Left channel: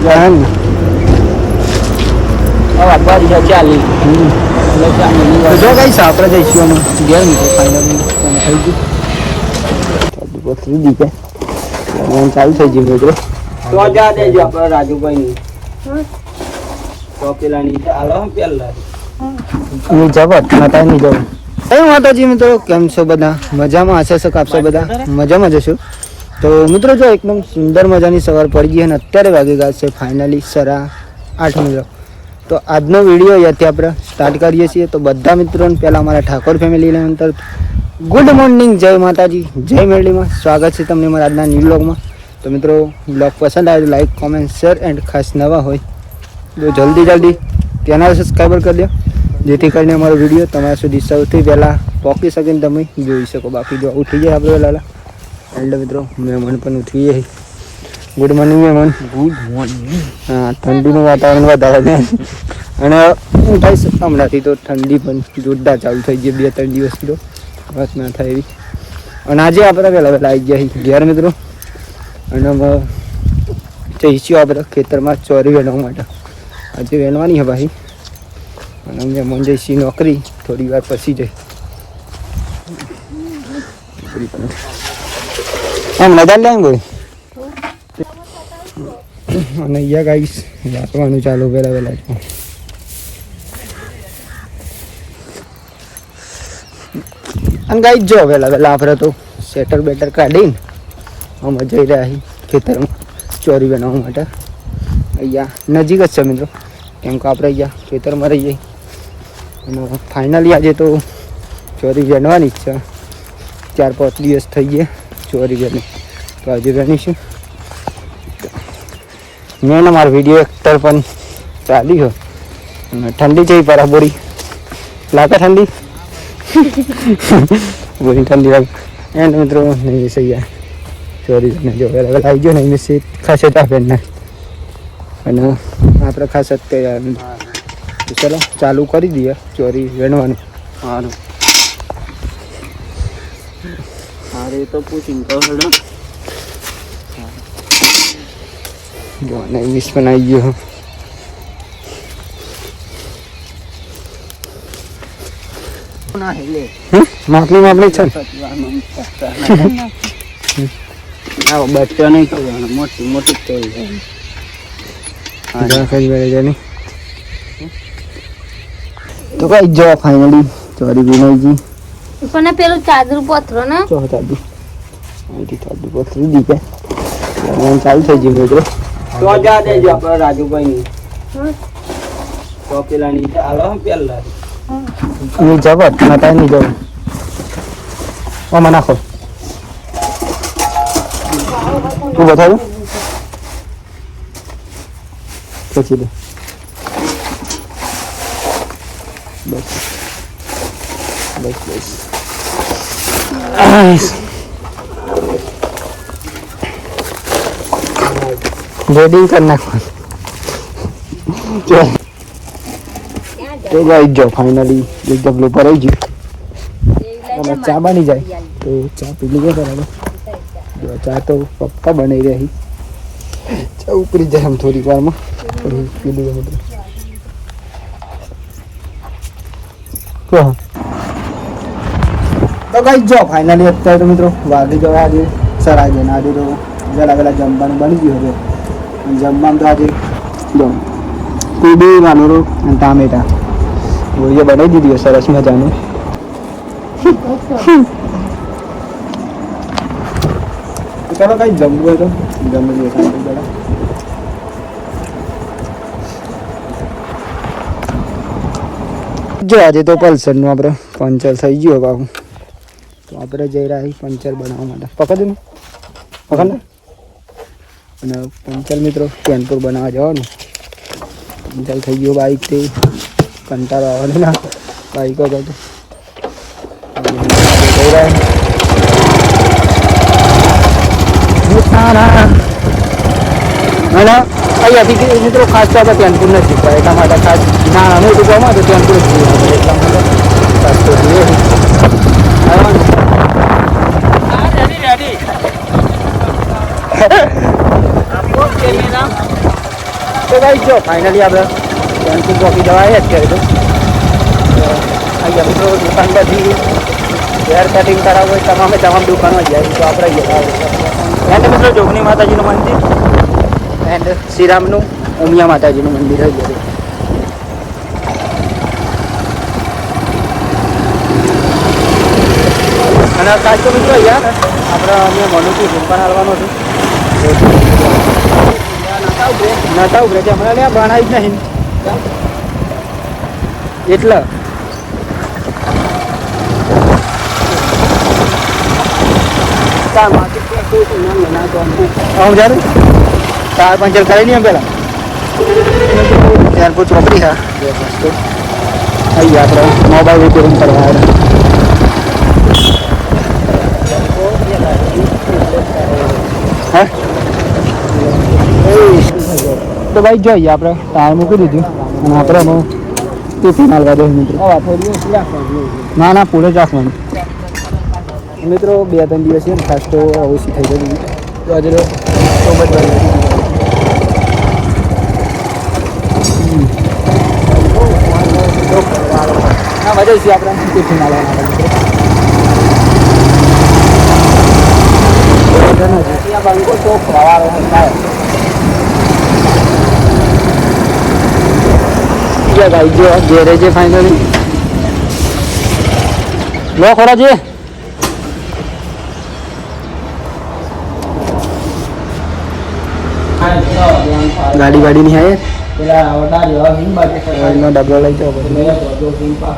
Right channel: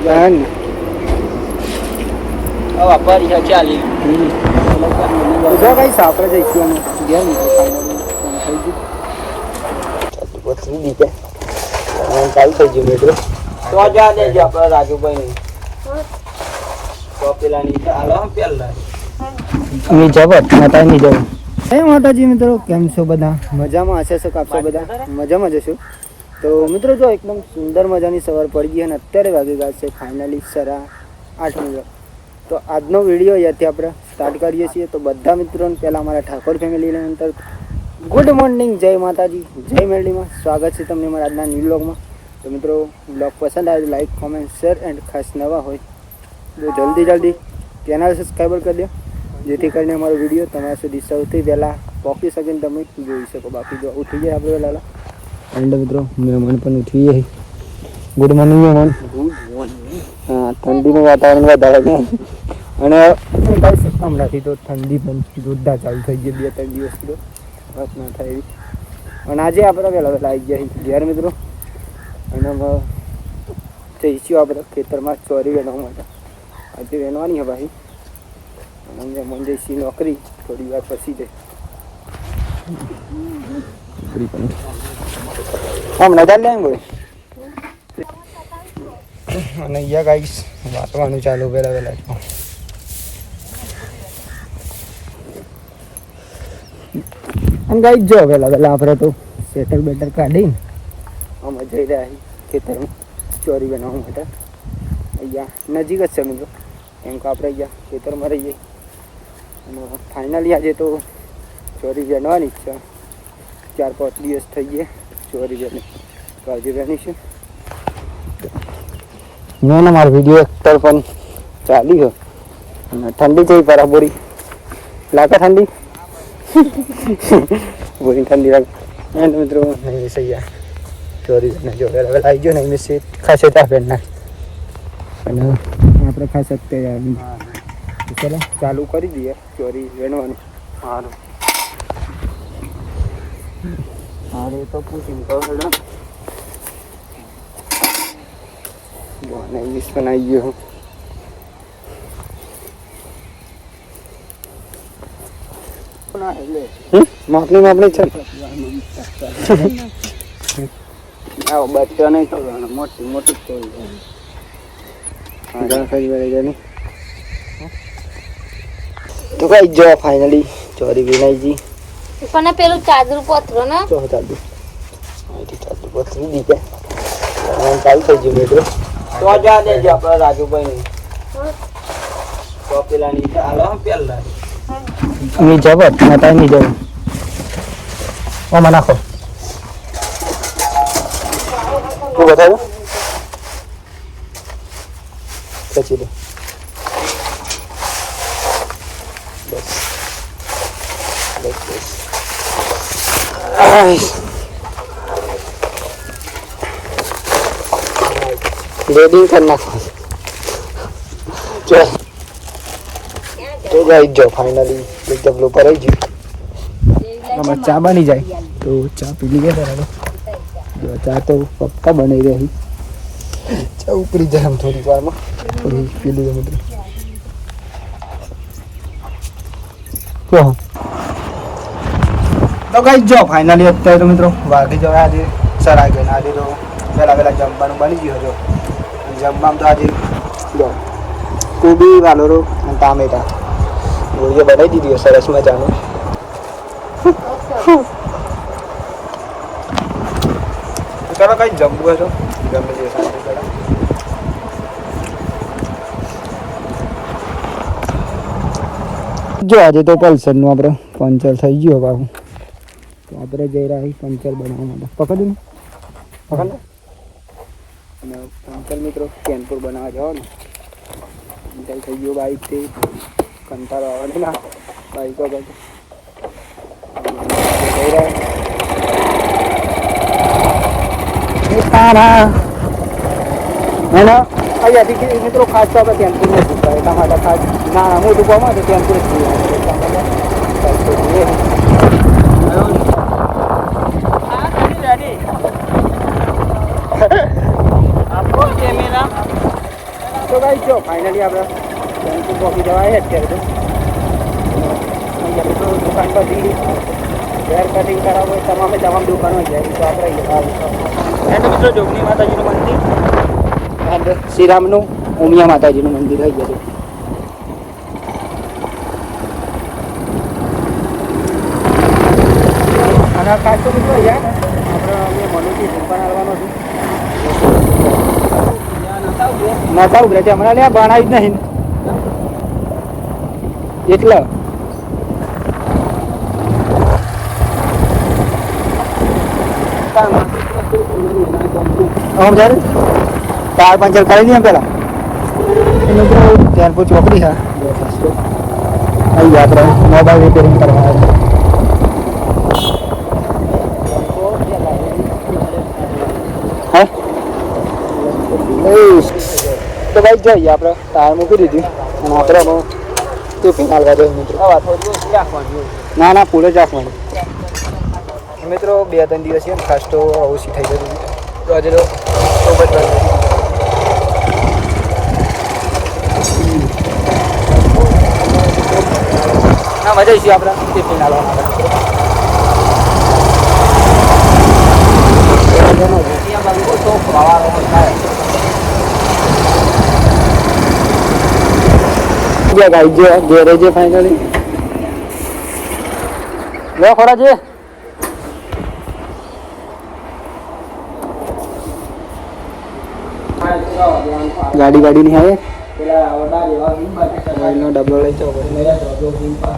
જા આપણા રાજુભાઈ તો પેલા માતાની હે માતાજી મિત્રો કેમ છો બધા મજામાં હશે છો કાપશો બધા મજામાં જશો તો મિત્રો જો એકદમ સુંદર મજાની સવાર પડી ગઈ અને અત્યારે વાગી ગયા છે ફાઇનલી સરા આઠ મિત્રો તો આજનો વીડિયો અહીંયાથી આપણે સ્ટાર્ટ કરીએ છીએ. તો બધા મિત્રોને પહેલાં અમારા ઠાકોર ફેમિલીના અંતર ગુડ મોર્નિંગ જય માતાજી, જય મેરડીમાં સ્વાગત છે તમને મારા આજના ન્યૂ બ્લોગમાં તો મિત્રો બ્લોગ પસંદ આવે તો લાઈક કોમેન્ટ શેર એન્ડ ખાસ નવા હોય તો જલ્દી જલ્દી ચેનલ સબસ્ક્રાઈબર કરી દો. જેથી કરીને અમારો વીડિયો તમારા સુધી સૌથી પહેલાં પહોંચી શકીને તમે જોઈ શકો. બાકી જો થઈ જાય આપણે પહેલાં એન્ડ મિત્રો મહેમાન પણ ઉઠી ગઈ ગુડ મોર્નિંગ મહેમાન. ગુડ મોર્નિંગ હા ઠંડીનું વાતાવરણ વધારે છે. અને છે હમણાંથી તો ઠંડી પણ જોરદાર ચાલુ થઈ ગઈ બે ત્રણ દિવસથી તો. વાત ના થાય એવી. અને આજે આપણે પહેલાં પહેલાં આવી ગયા ઘેર મિત્રો. અને જઈશું આપણે ખેતરમાં ચોરી વેણવા માટે. આજે વેણવાની છે ભાઈ. અને અમે મન જઈશું નોકરી થોડી વાર પછી જઈ. એમ નજર લે અને અહીંયા ગાઈશ વાપરવાનું ચાલુ પહેલાં પહેલાં અને ગાઈ જો, પહેલાં પહેલાં આપણે તો સેટર બેટર કાઢીને અમે જઈ રહ્યા છીએ ખેતરમાં ચોરી બનાવવા માટે. અહીંયા નજીક જ છે મિત્રો. કેમ કે આપણે અહીંયા ખેતરમાં રહીએ. અને ફાઇનલી આજે તો ચોરી જણવાની જ છે. ચાર પાંચ દિવસ થઈ ગયા. ચોરી વેણી તો આજે વેણીશું મેં મારો વીડિયો એક પણ ચાલ્યું. અને ઠંડી છે બરાબરી લાગે ઠંડી? બોરી ઠંડી લાગે. એન્ડ મિત્રો નહીં સહી ચોરી ને જો વેલા આવી ગયો ને, એમને સીટ ખાસે ચાપે ના. અને આપણે ખાસ જ તૈયાર તો ચલો, ચાલુ કરી દઈએ ચોરી વેણવાનું. સારું. અરે તો પૂછીને કહો હેડો. જો અને વીસ પણ આવી ગયો ના? માપની માપની છે? ને? આવો બચ્ચો નહીં કરવાનું મોટી મોટી કરવાનું જા કરી બેઠે જાની ભાઈ જાઓ ફાઇનલી ચોરી બી ગઈ પણ પેલું ચાદર પથરો ને? ચાલુ અહીંથી ચાલુ પથરી દીધા ચાલુ થઈ ગયું મિત્રો તો જા દેજો આપણા રાજુભાઈ. તો પેલા ની ચાલો પેલા ની જગત માતાની જય ઓમાં નાખો. ઓ બતાવો પછી બસ બસ Wedding કર નાખો ચાલ તો ગાઈ જો ફાઇનલી એકદમ નો પર આવી ગયું ચા બની જાય તો ચા પી લઈએ બરાબર જો ચા તો પક્કા બની રહી. ચા ઉપરી જાય આમ થોડી વારમાં. થોડી પી લઈએ મિત્રો તો કઈ જો ફાઇનલી અત્યારે તો મિત્રો વાગી જો આજે સરાઈ ગઈ આજે તો વહેલા વહેલા જમવાનું બની ગયું જો જમવામાં તો આજે કોબી, વાલોરો અને ટામેટા. એ બનાવી દીધું સરસ મજાનું. ચાલો કઈ જમવા તો જમી જોડે. જો આજે તો પલ્સરનું આપણે પંચર થઈ ગયું બાબુ તો આપણે જઈ રહ્યા પંચર બનાવવા માટે. પકડ ને. પકડ અને પંચર મિત્રો કેનપુર બનાવવા જવાનું. પંચર થઈ ગયો બાઈક તે કંટાળો આવે ના બાઈક જ જઈ રહ્યા અને અહીંયાથી મિત્રો ખાસ તો આપણે કેનપુર નથી એટલા માટે ખાસ અમે તો જવા તો કેનપુર જોઈએ ખાસ તો જોઈએ. તો જો ફાઇનલી આપણે કેમ્પી ચોકી જવા આવ્યા અત્યારે તો. અહીંયા મિત્રો દુકાન બધી હેર કટિંગ કરાવવું હોય તમામે તમામ દુકાનો જાય તો આપણે અહીંયા એન્ડ મિત્રો જોગની માતાજીનું મંદિર. એન્ડ શ્રીરામનું ઉમિયા માતાજીનું મંદિર હોય ગયું અને કાચ તો મિત્રો યાર અમે મનુથી પણ આવવાનો છે. નતા ઉભરે હમણાં ત્યાં ભણાય જ નહીં. એટલે. હું ચાર પંચર કરી નહીં પેલા ત્યાર પછી ચોકડી હા. આવી આપણે મોબાઈલ રિપેરિંગ કરવા આવ્યા હા ભાઈ જોઈએ આપણે ટાયર મૂકી દીધું. આપણે તો ઓછી રાખવાની ના ના ફૂલ જ રાખી મિત્રો બે ત્રણ દિવસ છે ને ખાસ તો ઓછી થઈ જતી તો આજે તો મજા આપણે. ટિફિન બંકો તો ખવાડો થાય. ગયા ગાઈ જો ઘેરે છે ફાઇનલી લો ખોરા છે ગાડી ગાડી ની આયે પેલા આવડા જેવા હિમ બાજુ ઓઇલનો ડબલો લઈ જાઓ મેં બધો હિમ પા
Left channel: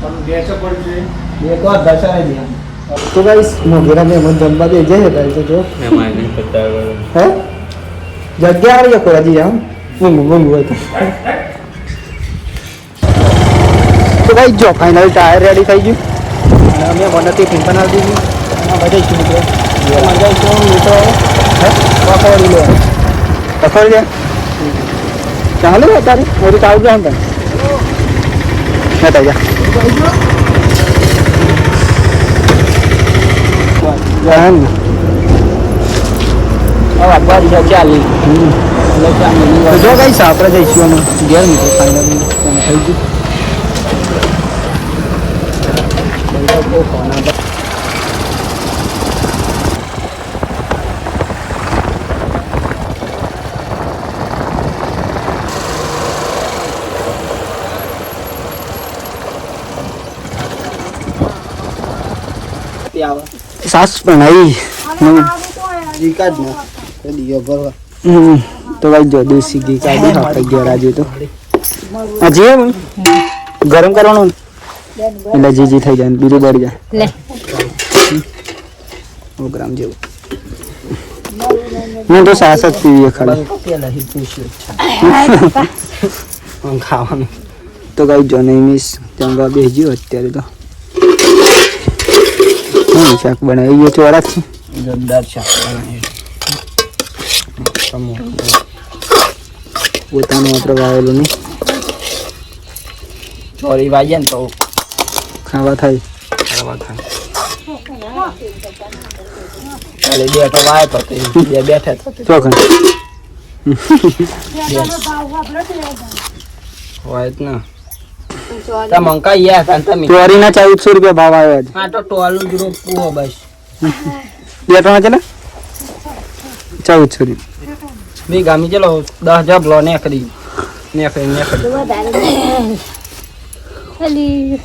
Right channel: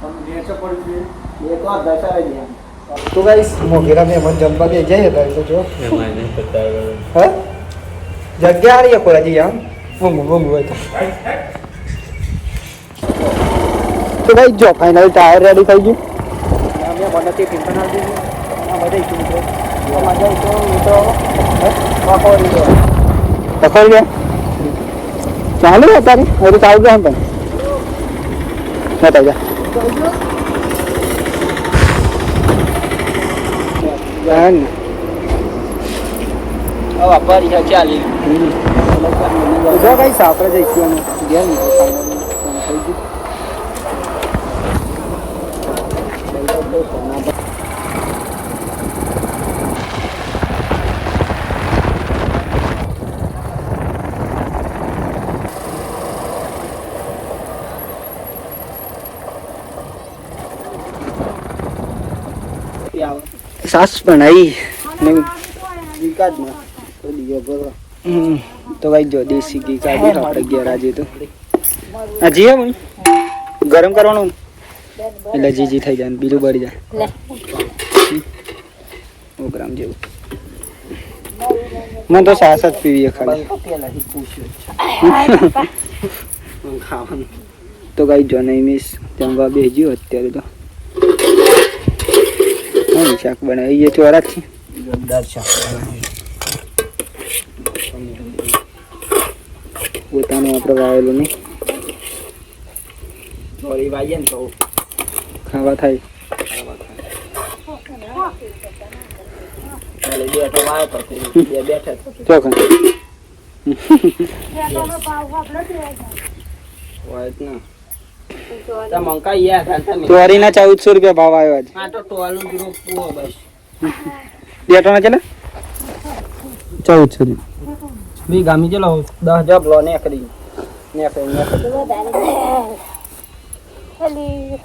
પણ ગેસ પડી છે એ તો દર્શાવી દે તો ગાઈસ મોઘેરા મેં મત જમવા દે જઈએ ગાઈ તો જો હે જગ્યા આ રહી है कोई आम वो वो वो तो તો ભાઈ જો ફાઇનલ ટાયર રેડી થઈ ગયું. અમે મને તે પિન બનાવી દીધી પકડી લે ચાલુ અત્યારે ઓરું ચાલુ જાય પણ બતાવી જા ચાલી જો કઈ આપણે જઈશું અમે ઘેર નીકળે થઈ ગયું. સાસ પણ આવી ઘી કાઢ ને દીયો ભરવા હમ તો ભાઈ જો દેશી ઘી કાઢી આપણે ઘેર આજે તો આ જીએ પણ ગરમ કરવાનું ને? એટલે જી જી થઈ જાય ને બીજું બળી જાય. લે. ઓ ગ્રામ જેવું. હું તો સાસ જ પીવી ખાલી. ખાવાનું. તો કઈ જો નહીં મિસ. જમવા બેસજો અત્યારે તો. હું શાક બનાવી ગયો ચોરાથી જોરદાર શાક પોતાનું આપણે વાવેલું નહીં. ચોરી વાગે ને તો ખાવા થાય. ખાવા થાય બેઠો વાય તો તે બે બેઠા તો ચોખણ હોય જ ને તમે મંકાઈ ગયા તમે ચોરીના ચૌદસો રૂપિયા ભાવ આવ્યા છે આ તો ટોલું જ રોપવું બસ બે ત્રણ ચલે ચૌદસો રૂપિયા બી ગામી ચલો દસ જબ લો ને કરી ને ફેર ને કરી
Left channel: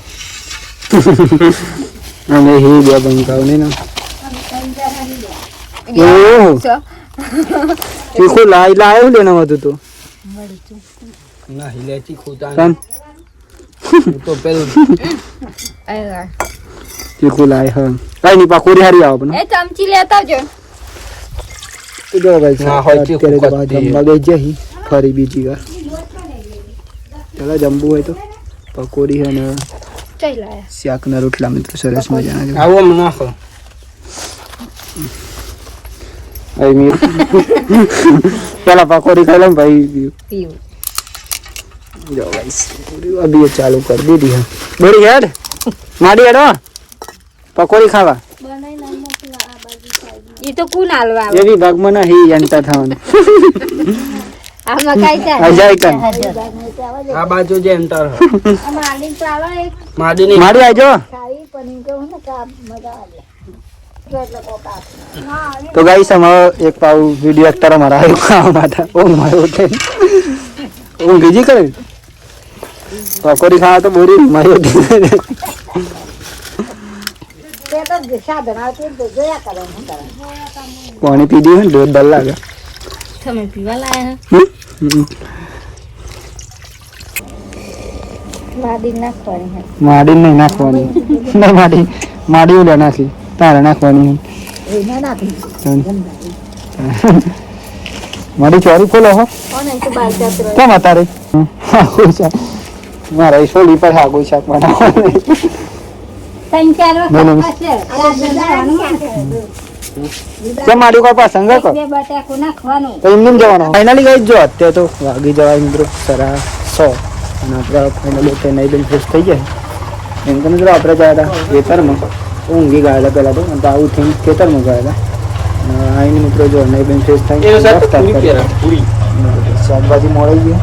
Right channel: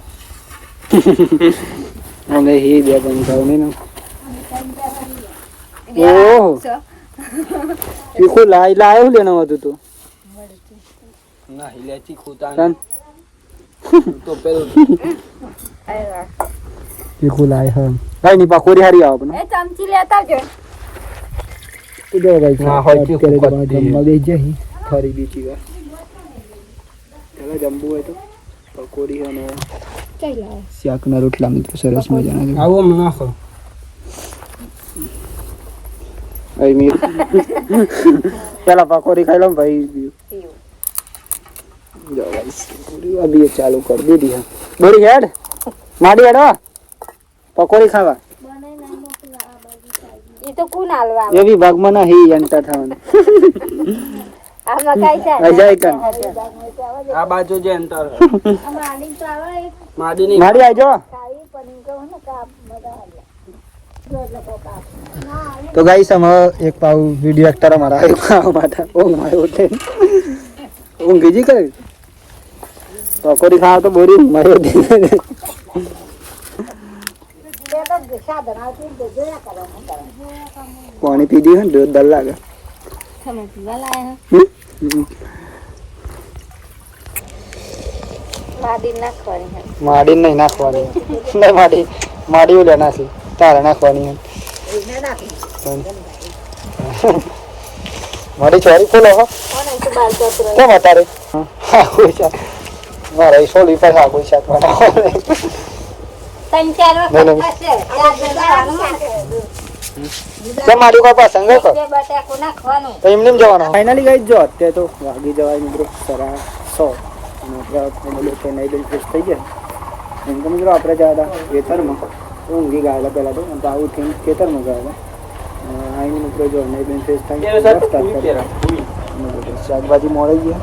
અને હે બે બંકાવ ને ના. ઓહો. તીખું લાઈ લાયો લેવાનું હતું તો? ના હિલે ચીખો તાન. તો પેલું ચીખો લાય હા કઈ નહીં પાકોરી હારી આવો પણ. એ ચમચી લેતા આવજો. ના ફરી બીજી વાર. ચાલો જમવું હોય તો. પકોડી અને ચઈ લાયા શાકના રોટલા મિત્રો સરસ મજાના આવો મને નાખો હવે મી- પેલા પકોડી ખાઈ લઉં ભાઈ પીવું જો ભાઈ અભી ચાલુ કરી દીધી હા બોડી હેડ માડી હેડવા પકોડી ખાવા એ તો કોણ હાલવા એ વિભાગમાં ના હી જનતા થવાનું. આ જાય કન આ બાજુ જે અંતર આમાં આલીને તો આવે એક? માડી આજો. તો ગાઈસ અમે એક પાઉ વીડિયો એક તારા મારા આવ્યો ખાવા માટે. ઊંઘ માર્યો ઉઠે ઊંઘ ગીજી કરે પકોડી ખાવા તો બોરી માર્યો તે. તો સાધન આવતું તો જોયા કરે શું કરે. પાણી પી દીધું ને દૂધ ડર લાગે. તમે પીવા લાયા હમ? હમ. માડી નાખવાની હે. નહીં નાખવાની ના માડે માડે ઓલે નાખી તારે નાખવાની મારે ચોરી કોલો હો કેમ શાક મારે સોડી પર હાગુ શાક બનાવવાનું મારી કોઈ પસંદ એમને જવાનું. ફાઇનલી ગઈ જો અત્યારે તો વાગી જવાય મિત્રો સરા સો. અને આપણે ફાઇનલી તે નહીં બિલ ફ્રેશ થઈ જાય એમ કે મિત્રો આપણે ગયા હતા ખેતરમાં. ઊંઘી ગયા હતા પહેલાં તો અને તો આવું થઈને ખેતરમાં ગયા હતા. આવીને મિત્રો જો નહીં બિલ ફ્રેશ થાય શાકભાજી મળી ગયા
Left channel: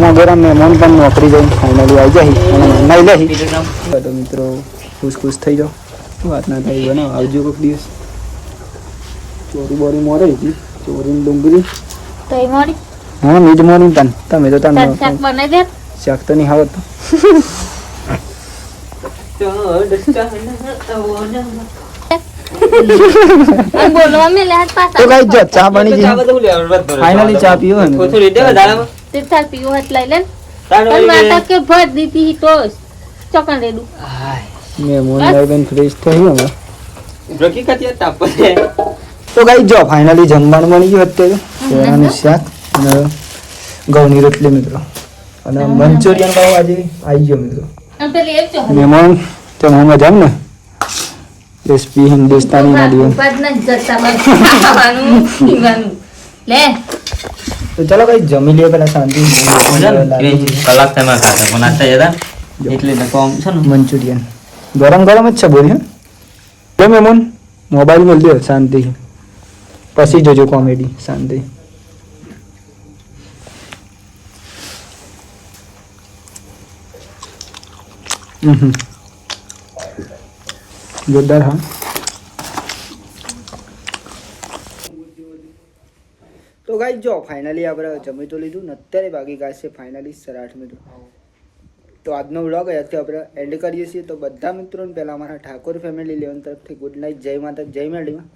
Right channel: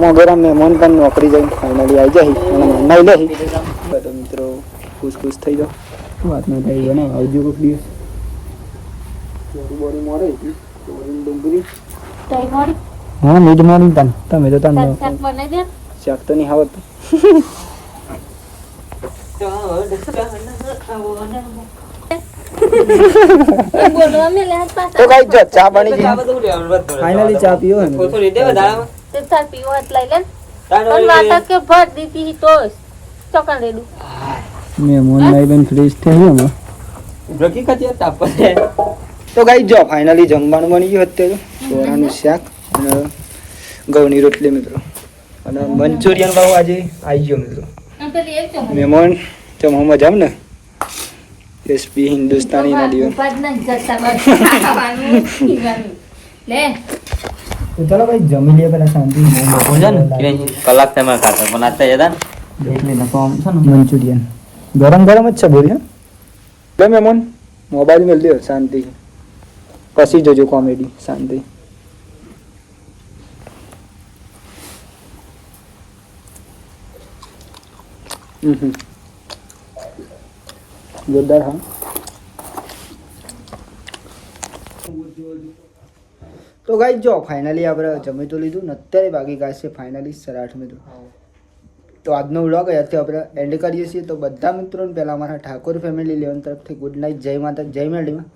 મોગરા મહેમાન પણ નોકરી જઈને ફાઇનલી આવી જાય અને મહેમાન લઈ તો મિત્રો ખુશ ખુશ થઈ જાઓ. વાત ના થઈ બનાવો આવજો કોઈક દિવસ. ચોરી બોરી મોરે હતી ચોરી ડુંગળી. તો મોરી? હા મીજ મોરી તન. તમે તો તન શાક બનાવી દે. શાક તો નહીં આવત ચા બની ગઈ. ફાઇનલી ચા પીવો. તે ચાલ પીવો એટલે લઈ લે પણ માતા કે ભર દીધી તો ચોકન રેડું હાય. મહેમાન આવીને ફ્રેશ થયું હવે. રોકી કાઢીએ તાપ પડે. તો ગાઈ જો ફાઇનલી જમવાનું બની ગયું અત્યારે. સોરાનું શાક અને ઘઉંની રોટલી મિત્રો. અને મંચુરિયન ભાવ આજે આવી ગયો મિત્રો. મહેમાન તો એક ચો મહેમાન તમે મજા ને? એસપી હિન્દુસ્તાની ના દિવસ તો ચલો ભાઈ જમી લઈએ પેલા શાંતિ. કલાક તેમાં ખાતા પણ આટલા જતા એટલે નકો છે ને? મંચુરિયન. ગરમ ગરમ જ છે બોરી હે? કેમ મહેમાન મોબાઈલ મેળ દે શાંતિ. પછી જોજો કોમેડી શાંતિ હમ જોરદાર હા તો ગાઈ જો ફાઇનલી આપણે જમી તો લીધું ને અત્યારે બાકી ગાય છે ફાઇનલી સરાઠ મિત્રો. તો આજનો વ્લોગ અહીંયાથી આપણે એન્ડ કરીએ છીએ. તો બધા મિત્રોને પહેલાં અમારા ઠાકોર ફેમિલી લેવન તરફથી ગુડ નાઇટ જય માતા, જય મેળીમાં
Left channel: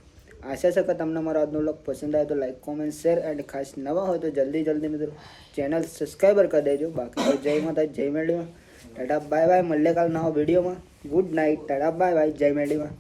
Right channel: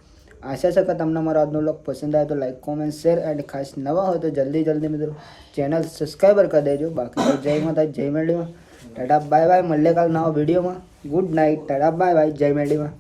આશા છે કે તમને મારો આજનો લોક પસંદ આવે તો લાઈક કોમેન્ટ શેર એન્ડ ખાસ નવા હોય તો જલ્દી જલ્દી મિત્રો ચેનલ સબસ્ક્રાઈબર કરી દેજો. બાકી તો જય માતા જય મેળીમાં ટાટા બાય બાય મળીએ કાલ નવા વિડીયોમાં good night tata bye bye જય મેળીમાં